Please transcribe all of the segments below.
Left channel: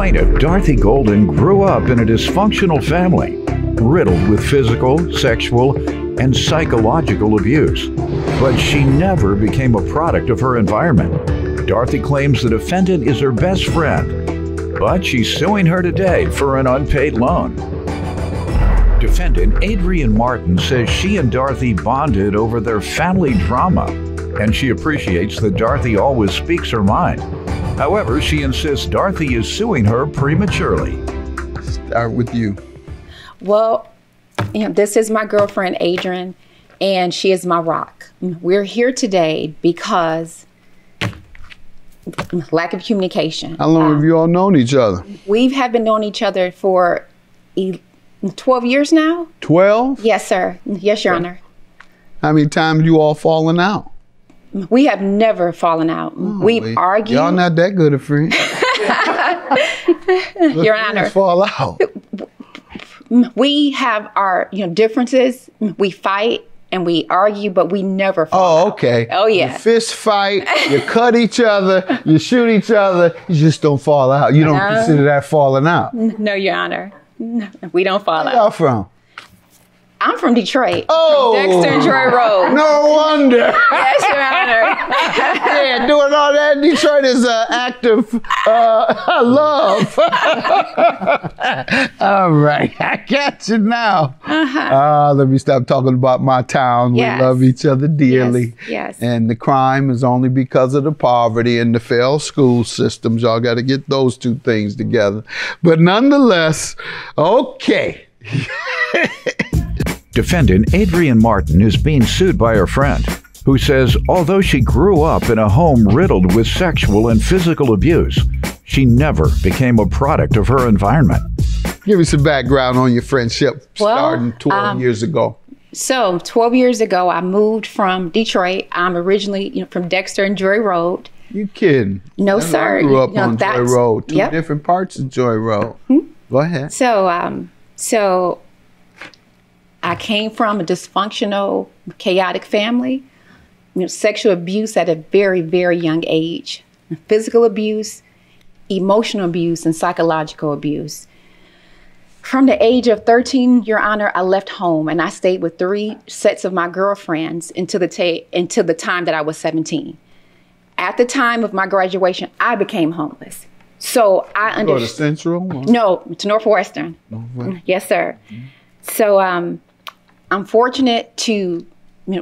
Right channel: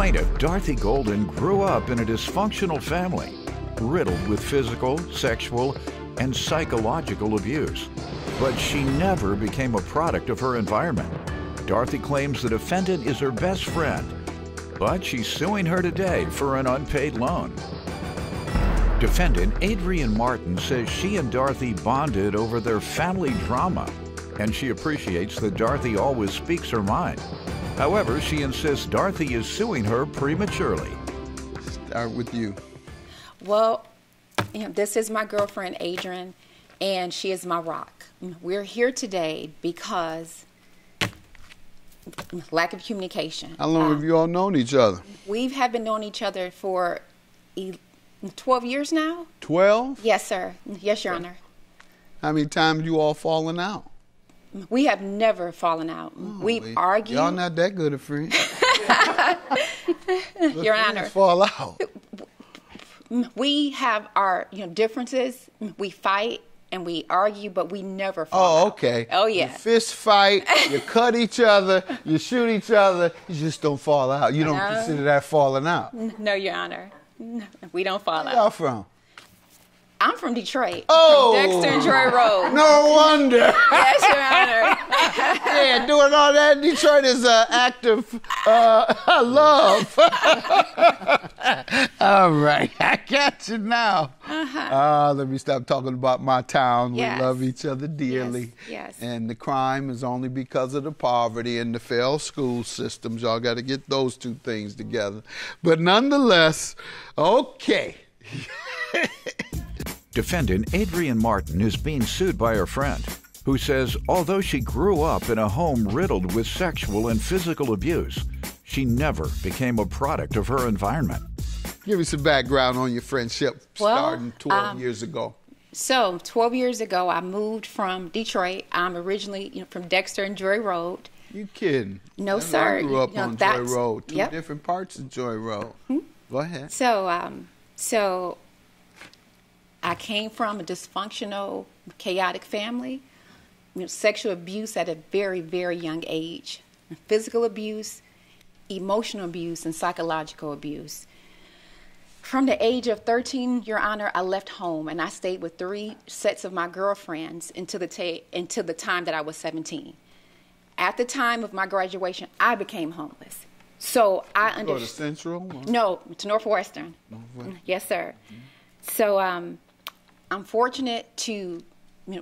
Plaintiff Dorothy Golden grew up in a dysfunctional family, riddled with physical, sexual, and psychological abuse. But she never became a product of her environment. Dorothy claims the defendant is her best friend, but she's suing her today for an unpaid loan. Defendant Adrienne Martin says she and Dorothy bonded over their family drama, and she appreciates that Dorothy always speaks her mind. However, she insists Dorothy is suing her prematurely. Start with you. Well, this is my girlfriend, Adrienne, and she is my rock. We're here today because lack of communication. How long have you all known each other? We have been knowing each other for 12 years now. 12? Yes, sir. Yes, Your Honor. How many times you all fallen out? We have never fallen out. We've argued. Y'all not that good of friends. Your Honor. Fall out. We have our differences. We fight and we argue, but we never fall out. Okay. Oh, yeah. You fist fight, you cut each other, you shoot each other, you just don't fall out. You don't consider that falling out. No, Your Honor. No, we don't fall out. Where y'all from? I'm from Detroit. Oh! Dexter and Joy Road. No wonder. Yes, Your Honor. Yeah, doing all that in Detroit is an act of love. All right, I got you now. Let me stop talking about my town. Yes. We love each other dearly. Yes. And the crime is only because of the poverty and the failed school systems. Y'all got to get those two things together. But nonetheless, okay. Defendant Adrienne Martin is being sued by her friend, who says although she grew up in a home riddled with sexual and physical abuse, she never became a product of her environment. Give me some background on your friendship starting 12 years ago. So 12 years ago, I moved from Detroit. I'm originally from Dexter and Joy Road. You kidding? No, sir. I grew up on Joy Road, two Yep. different parts of Joy Road. Go ahead. So I came from a dysfunctional, chaotic family. Sexual abuse at a very, very young age, physical abuse, emotional abuse, and psychological abuse. From the age of 13, Your Honor, I left home and I stayed with 3 sets of my girlfriends until the time that I was 17. At the time of my graduation, I became homeless. So I understood. Go to Central? No, to Northwestern. Yes, sir. So I'm fortunate to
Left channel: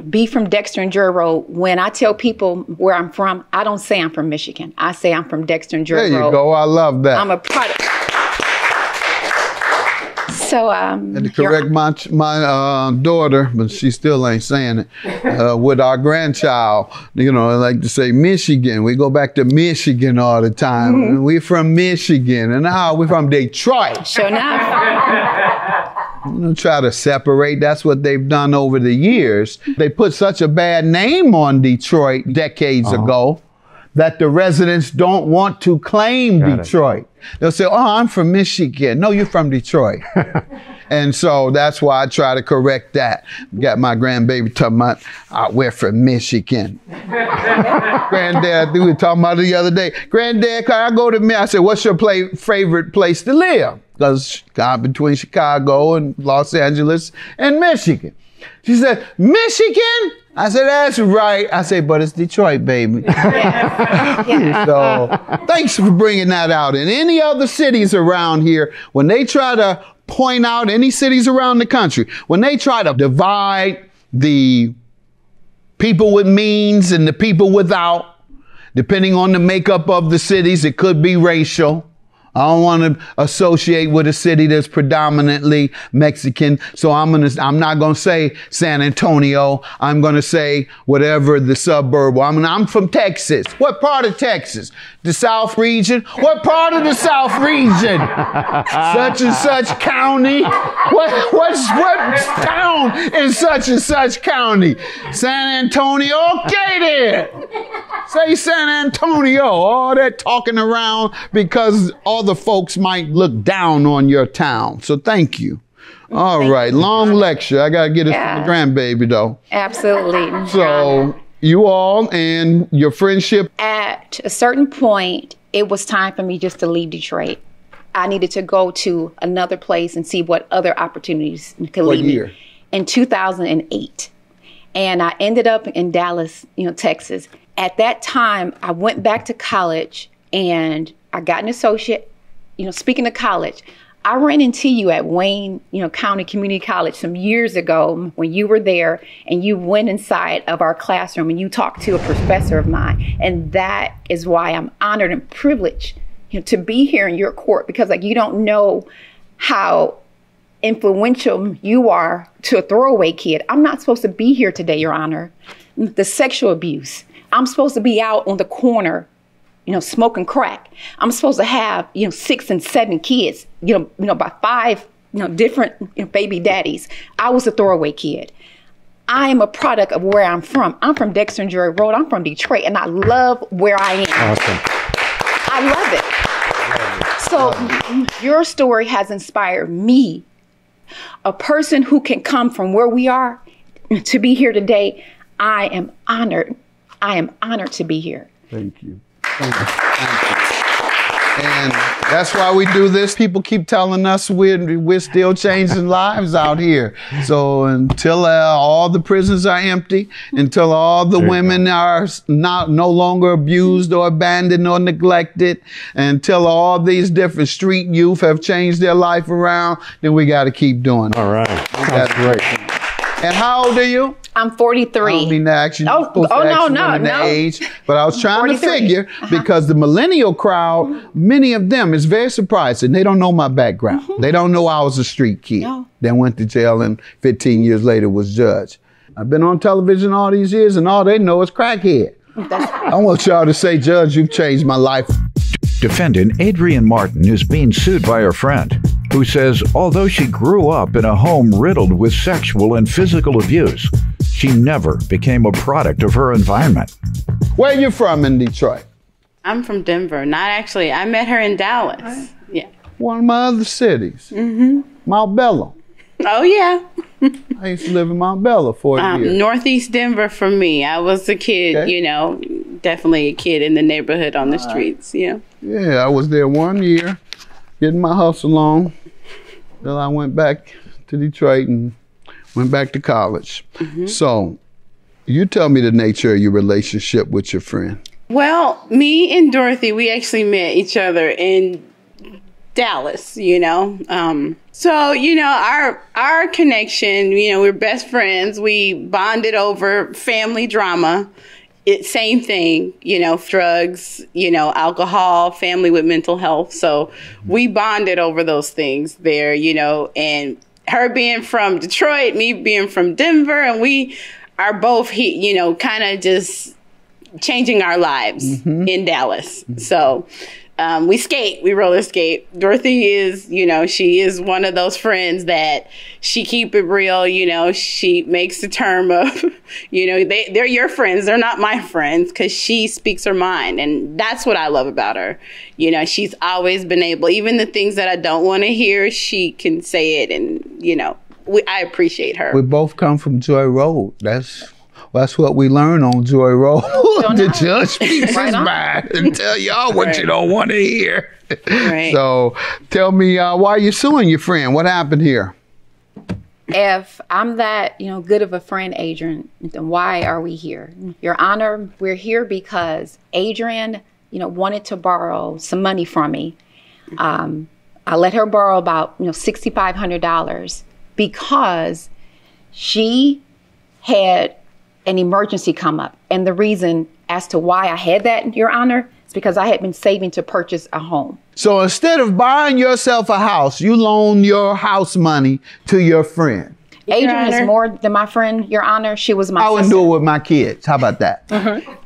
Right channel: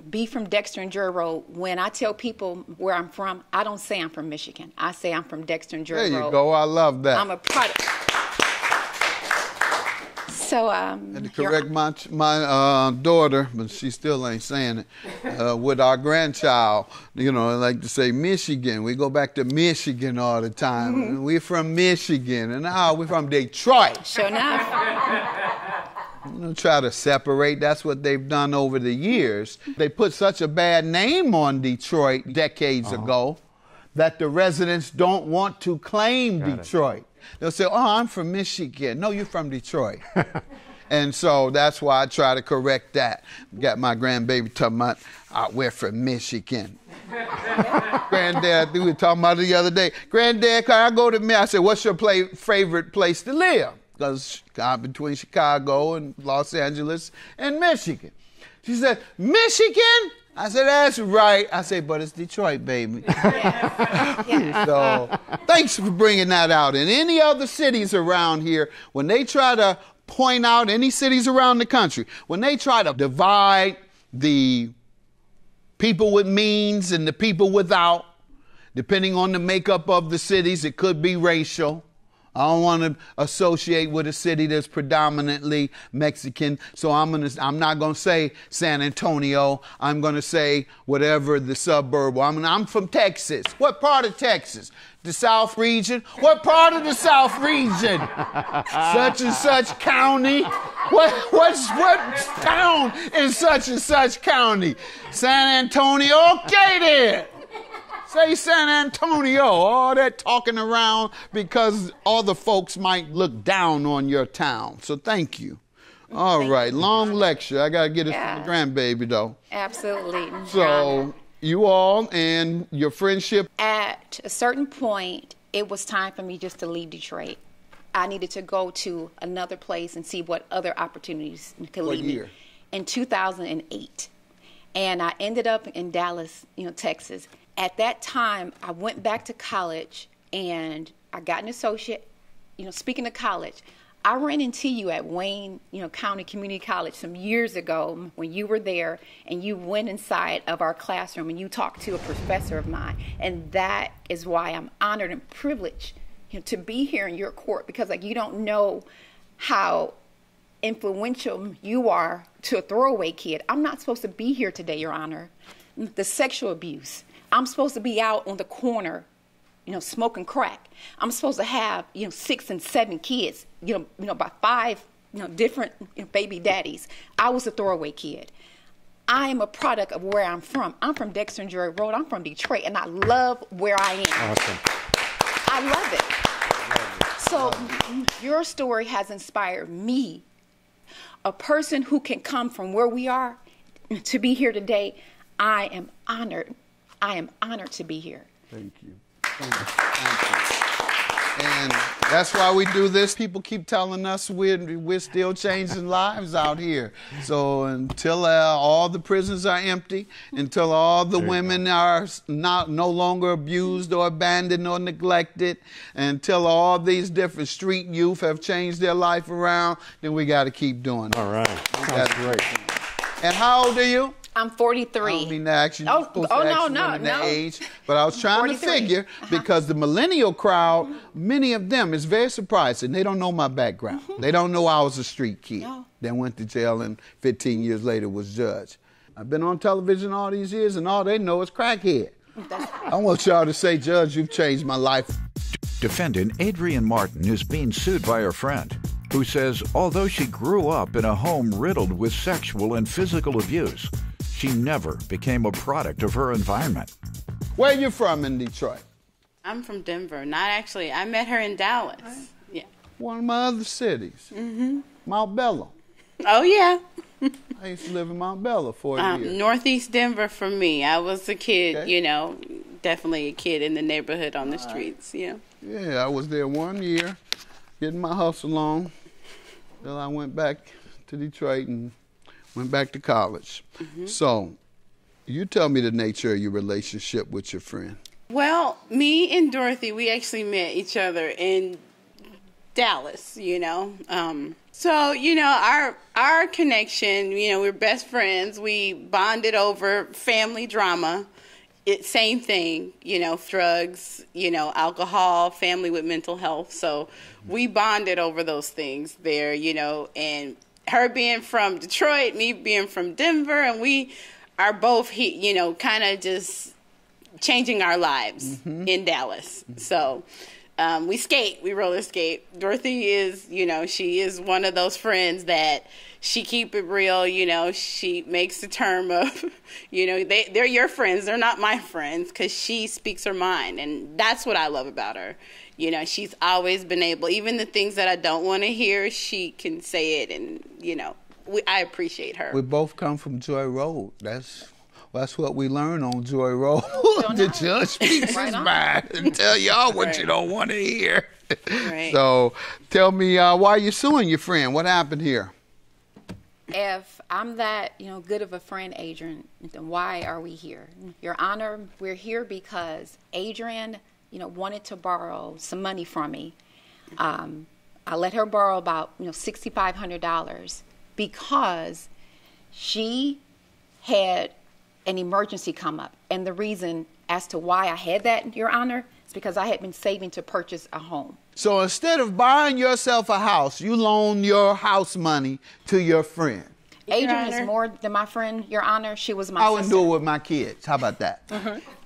be from Dexter and Joy Road. When I tell people where I'm from, I don't say I'm from Michigan. I say I'm from Dexter and Joy Road. There you go. I love that. I'm a product. So, and to correct my daughter, but she still ain't saying it, with our grandchild, I like to say Michigan. We go back to Michigan all the time. We're from Michigan. And now we're from Detroit. Sure enough. Try to separate. That's what they've done over the years. They put such a bad name on Detroit decades ago that the residents don't want to claim Detroit. They'll say, oh, I'm from Michigan. No, you're from Detroit. And so that's why I try to correct that. Got my grandbaby talking about, we're from Michigan. Granddad, we were talking about it the other day. Granddad, can I go to Michigan? I said, what's your favorite place to live? Because between Chicago and Los Angeles and Michigan. She said, Michigan? I said, that's right. I said, but it's Detroit, baby. Yeah. So thanks for bringing that out. And any other cities around here, when they try to point out any cities around the country, when they try to divide the people with means and the people without, depending on the makeup of the cities, it could be racial. I don't want to associate with a city that's predominantly Mexican, so I'm not going to say San Antonio. I'm going to say whatever the suburb. I'm from Texas. What part of Texas? The South region? What part of the South region? Such and such county? What town in such and such county? San Antonio? Okay then. Say San Antonio. All that talking around because other folks might look down on your town. So thank you. All right. Long lecture. I got to get it to the grandbaby though. Absolutely. So you all and your friendship. At a certain point, it was time for me just to leave Detroit. I needed to go to another place and see what other opportunities could lead me. Year? In 2008. And I ended up in Dallas, Texas. At that time, I went back to college and I got an associate. Speaking of college, I ran into you at Wayne, County Community College some years ago when you were there, and you went inside of our classroom and you talked to a professor of mine. And that is why I'm honored and privileged, to be here in your court, because you don't know how influential you are to a throwaway kid. I'm not supposed to be here today, Your Honor. The sexual abuse. I'm supposed to be out on the corner, smoking crack. I'm supposed to have, 6 and 7 kids, by 5, different baby daddies. I was a throwaway kid. I am a product of where I'm from. I'm from Dexter and Drury Road. I'm from Detroit, and I love where I am. Awesome. I love it. So your story has inspired me, a person who can come from where we are, to be here today. I am honored. I am honored to be here. Thank you. Thank you. Thank you. And that's why we do this. People keep telling us we're still changing lives out here. So until all the prisons are empty, until all the women are no longer abused or abandoned or neglected, until all these different street youth have changed their life around, then we got to keep doing it. All right. That's great. And how old are you? I'm 43. I don't mean to ask you. The age, but I was trying 43. To figure because the millennial crowd, many of them, is very surprising. They don't know my background. They don't know I was a street kid. No. Then went to jail and 15 years later was judged. I've been on television all these years and all they know is crackhead. I want y'all to say, Judge, you've changed my life. Defendant Adrienne Martin is being sued by her friend, who says although she grew up in a home riddled with sexual and physical abuse, she never became a product of her environment. Where you from in Detroit? I'm from Denver. Not actually. I met her in Dallas. Right. Yeah. One of my other cities. Mount Bella. Oh, yeah. I used to live in Mount Bella for a year. Northeast Denver for me. I was a kid, definitely a kid in the neighborhood on the streets, Yeah, I was there 1 year, getting my hustle on. Then I went back to Detroit and went back to college. So, you tell me the nature of your relationship with your friend. Well, me and Dorothy, we actually met each other in Dallas, So, our connection, we're best friends. We bonded over family drama. Same thing, drugs, alcohol, family with mental health. So we bonded over those things there, and her being from Detroit, me being from Denver, and we are both, kind of just changing our lives in Dallas. So we skate, we roller skate. Dorothy is, she is one of those friends that she keep it real, she makes the term of, they're your friends, they're not my friends, because she speaks her mind. And that's what I love about her. She's always been able, even the things that I don't want to hear, she can say it. And, I appreciate her. We both come from Joy Road. That's what we learn on Joy Road. The judge speaks his mind and tell y'all what you don't want to hear. Right. So tell me, why are you suing your friend? What happened here? If I'm that, good of a friend, Adrienne, then why are we here? Your Honor, we're here because Adrienne, wanted to borrow some money from me. I let her borrow about, $6,500 because she had an emergency come up. And the reason as to why I had that, Your Honor, is because I had been saving to purchase a home. So instead of buying yourself a house, you loan your house money to your friend. Adrienne is more than my friend, Your Honor. She was my sister. I wouldn't do it with my kids. How about that?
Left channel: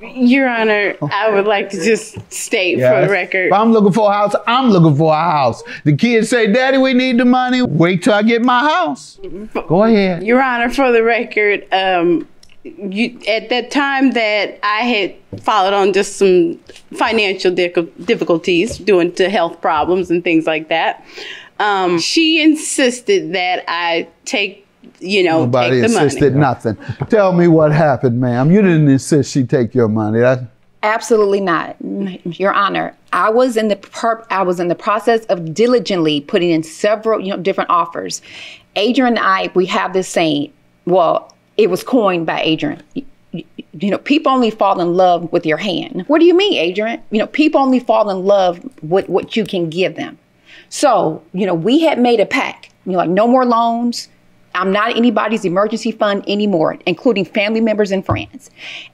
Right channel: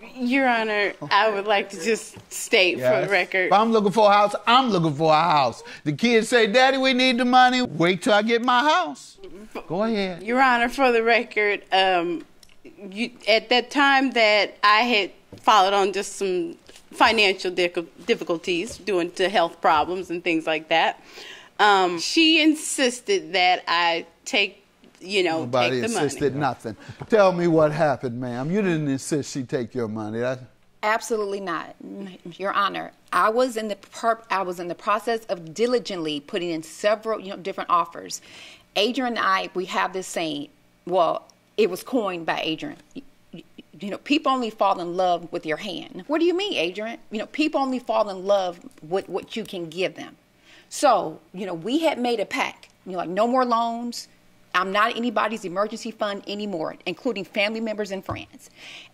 Your Honor, I would like to just state for the record. If I'm looking for a house, I'm looking for a house. The kids say, Daddy, we need the money. Wait till I get my house. Go ahead. Your Honor, for the record, at that time that I had followed on just some financial difficulties due to health problems and things like that, she insisted that I take Nobody take the insisted money. Nothing. Tell me what happened, ma'am. You didn't insist she take your money. Absolutely not, Your Honor. I was in the process of diligently putting in several, different offers. Adrian and I, we have this saying. Well, it was coined by Adrian. People only fall in love with your hand. What do you mean, Adrian? People only fall in love with what you can give them. So, we had made a pact. Like no more loans. I'm not anybody's emergency fund anymore, including family members and friends.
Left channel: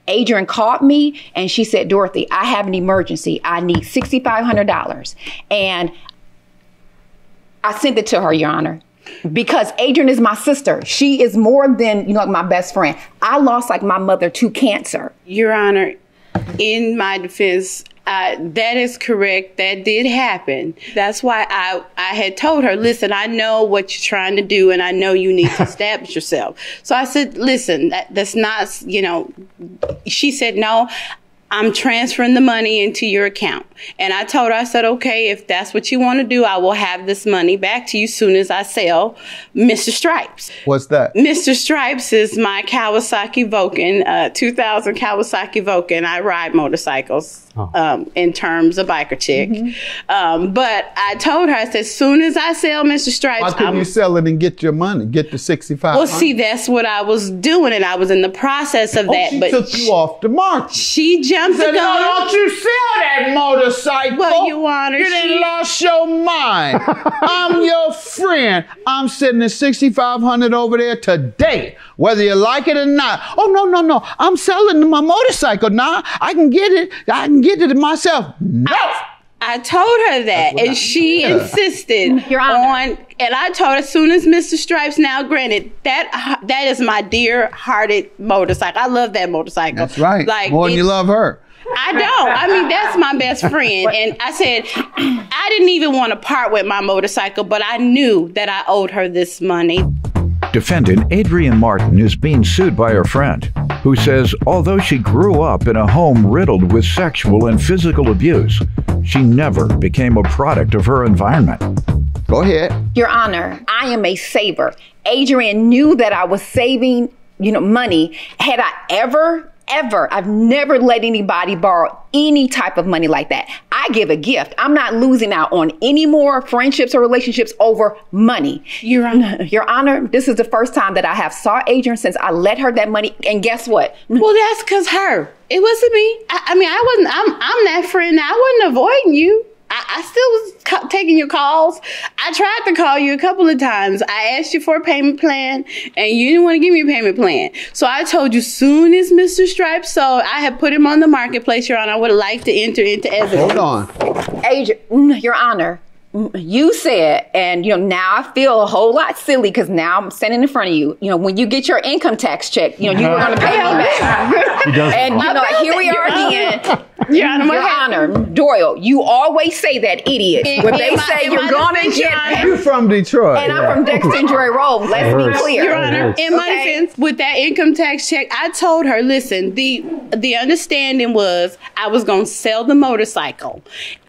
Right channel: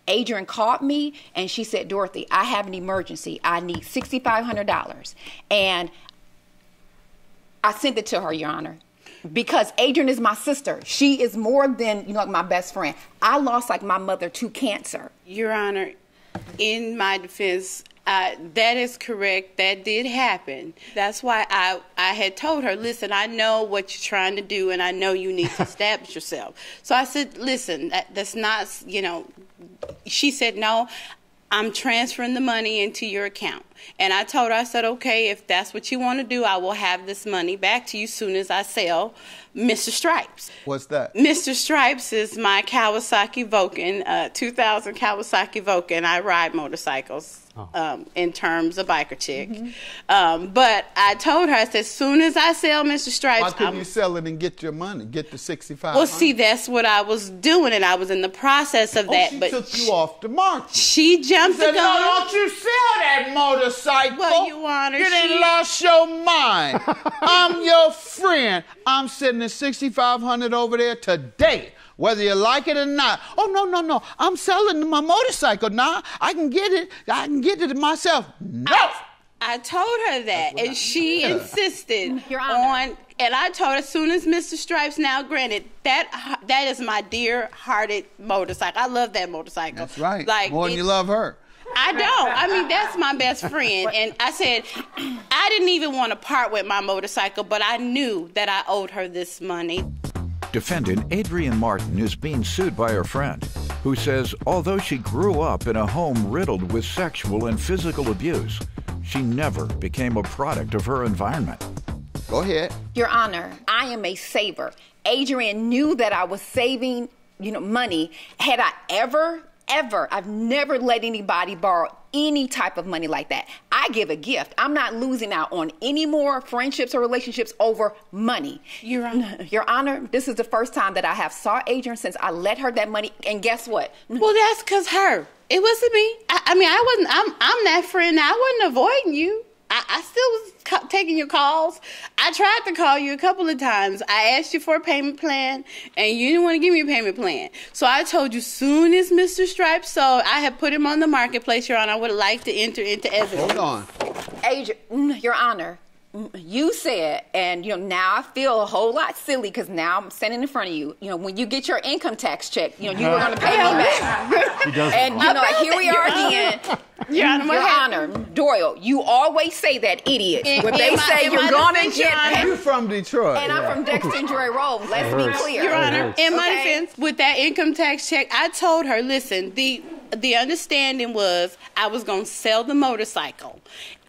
Adrian called me and she said, Dorothy, I have an emergency. I need $6,500. And I sent it to her, Your Honor, because Adrian is my sister. She is more than, my best friend. I lost my mother to cancer. Your Honor, in my defense, that is correct. That did happen. That's why I had told her, listen, I know what you're trying to do, and I know you need to establish yourself. So I said, listen, that's not, she said, no, I'm transferring the money into your account. And I told her, I said, okay, if that's what you want to do, I will have this money back to you soon as I sell Mr. Stripes. What's that? Mr. Stripes is my Kawasaki Vulcan, 2000 Kawasaki Vulcan. I ride motorcycles in terms of biker chick. Mm-hmm. But I told her, I said, as soon as I sell Mr. Stripes, why couldn't you sell it and get your money, get the $6,500? Well, see, that's what I was doing, and I was in the process of that. She but took you off the market. She jumped Said, the gun. don't you sell that motorcycle? Well, Your Honor, you done lost your mind. I'm your friend. I'm sending $6,500 over there today, whether you like it or not. Oh, no. I'm selling my motorcycle now. I can get it myself. No. I told her that, and she insisted Your Honor. and I told her, as soon as Mr. Stripes, now granted, that is my dear-hearted motorcycle. I love that motorcycle. That's right. More than you love her. I don't. I mean, that's my best friend. And I said, I didn't even want to part with my motorcycle, but I knew that I owed her this money. Defendant Adrian Martin is being sued by her friend, who says although she grew up in a home riddled with sexual and physical abuse, she never became a product of her environment. Go ahead. Your Honor, I am a saver. Adrian knew that I was saving, money. Had I ever, I've never let anybody borrow any type of money like that. I give a gift. I'm not losing out on any more friendships or relationships over money. Your Honor, this is the first time that I have saw Adrian since I let her that money. And guess what? Well, that's because her. It wasn't me. I'm that friend. I wasn't avoiding you. I still was taking your calls. I tried to call you a couple of times. I asked you for a payment plan, and you didn't want to give me a payment plan. So I told you, soon as Mr. Stripes sold, I had put him on the marketplace, Your Honor. I would like to enter into evidence. Hold on. Adrian, Your Honor, you said, and now I feel a whole lot silly because now I'm standing in front of you. When you get your income tax check, you were going to pay me back. And here we are again. Your Honor, Doyle, you always say that, idiot. When they say you're going to get paid. You're from Detroit. And I'm from Dexter and Joy Road. Let's be clear. Your Honor, in my defense, with that income tax check, I told her, listen, the understanding was I was going to sell the motorcycle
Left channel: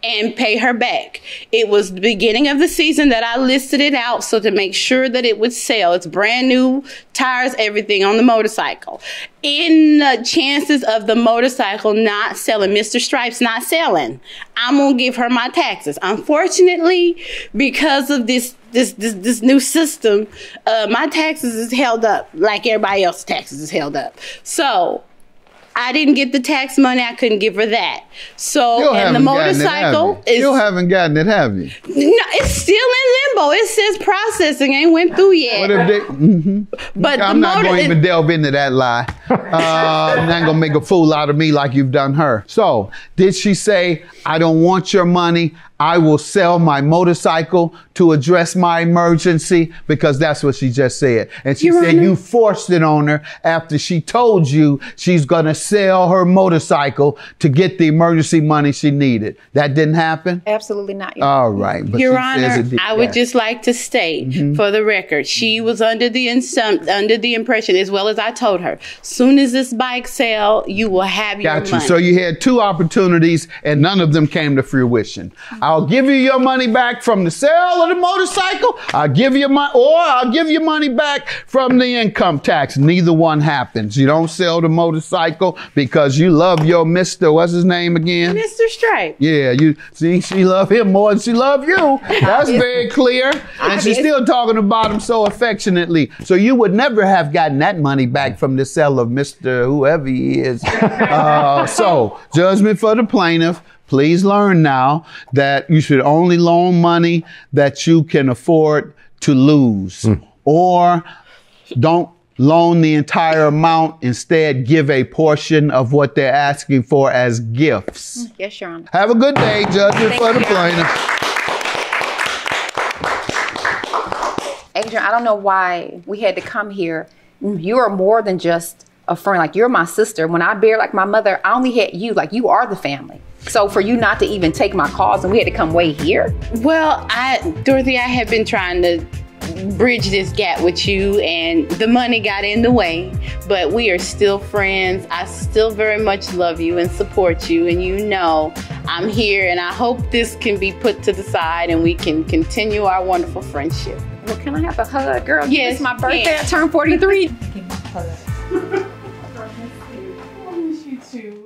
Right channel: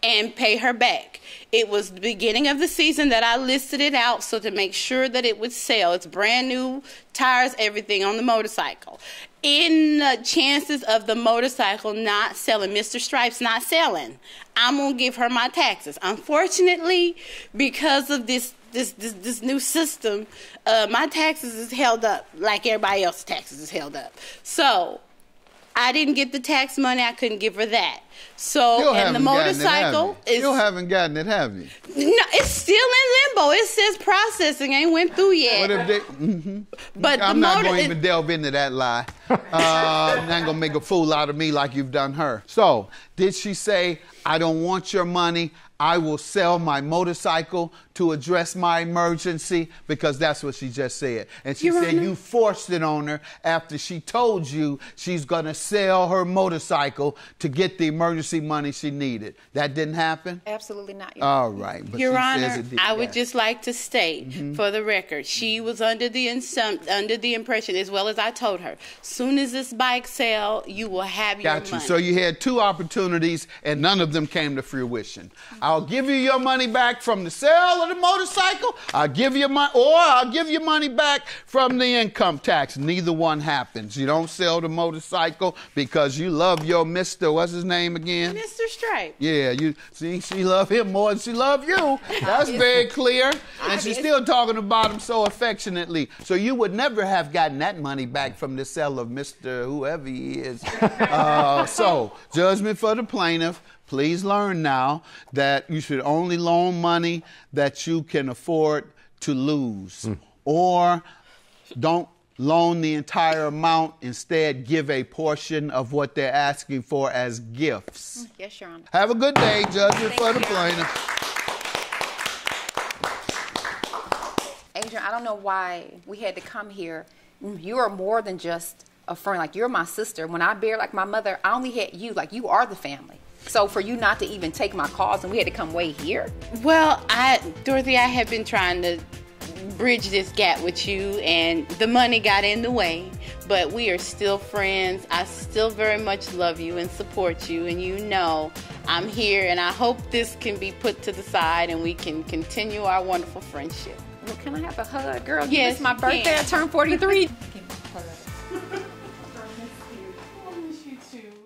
and pay her back. It was the beginning of the season that I listed it out so to make sure that it would sell. It's brand new tires, everything on the motorcycle. In the chances of the motorcycle not selling, Mr. Stripes not selling, I'm going to give her my taxes. Unfortunately, because of this new system, my taxes is held up like everybody else's taxes is held up. So I didn't get the tax money. I couldn't give her that. So, and the motorcycle is... Still haven't gotten it, have you? No, it's still in limbo. It says processing. Ain't went through yet. What if they... But I'm not going to even delve into that lie. I'm not going to make a fool out of me like you've done her. So, did she say, I don't want your money, I will sell my motorcycle to address my emergency? Because that's what she just said. And she said you forced it on her after she told you she's going to sell her motorcycle to get the emergency money she needed. That didn't happen? Absolutely not. All right. But Your Honor, I would just like to state for the record, she was under the impression, as well as I told her, soon as this bike sell, you will have your money. So you had two opportunities and none of them came to fruition. I'll give you your money back from the sale of the motorcycle. I'll give you money back from the income tax. Neither one happens. You don't sell the motorcycle because you love your Mr. What's his name again? Mr. Stripe. Yeah, you see, she love him more than she love you. That's very clear. And she's still talking about him so affectionately. So you would never have gotten that money back from the sale of Mr. whoever he is. So, judgment for the plaintiff. Please learn now that you should only loan money that you can afford to lose. Or don't loan the entire amount. Instead, give a portion of what they're asking for as gifts. Yes, Your Honor. Have a good day, judgment for the plaintiff. Adrian, I don't know why we had to come here. You are more than just a friend. Like, you're my sister. When I bear like my mother, I only had you. Like, you are the family. So for you not to even take my calls and we had to come way here. Well, Dorothy, I have been trying to bridge this gap with you, and the money got in the way, but we are still friends. I still very much love you and support you, and you know I'm here, and I hope this can be put to the side and we can continue our wonderful friendship. Well, can I have a hug, girl? Yes, it's my birthday. yeah. I turned 43. Give me a hug. I miss you too.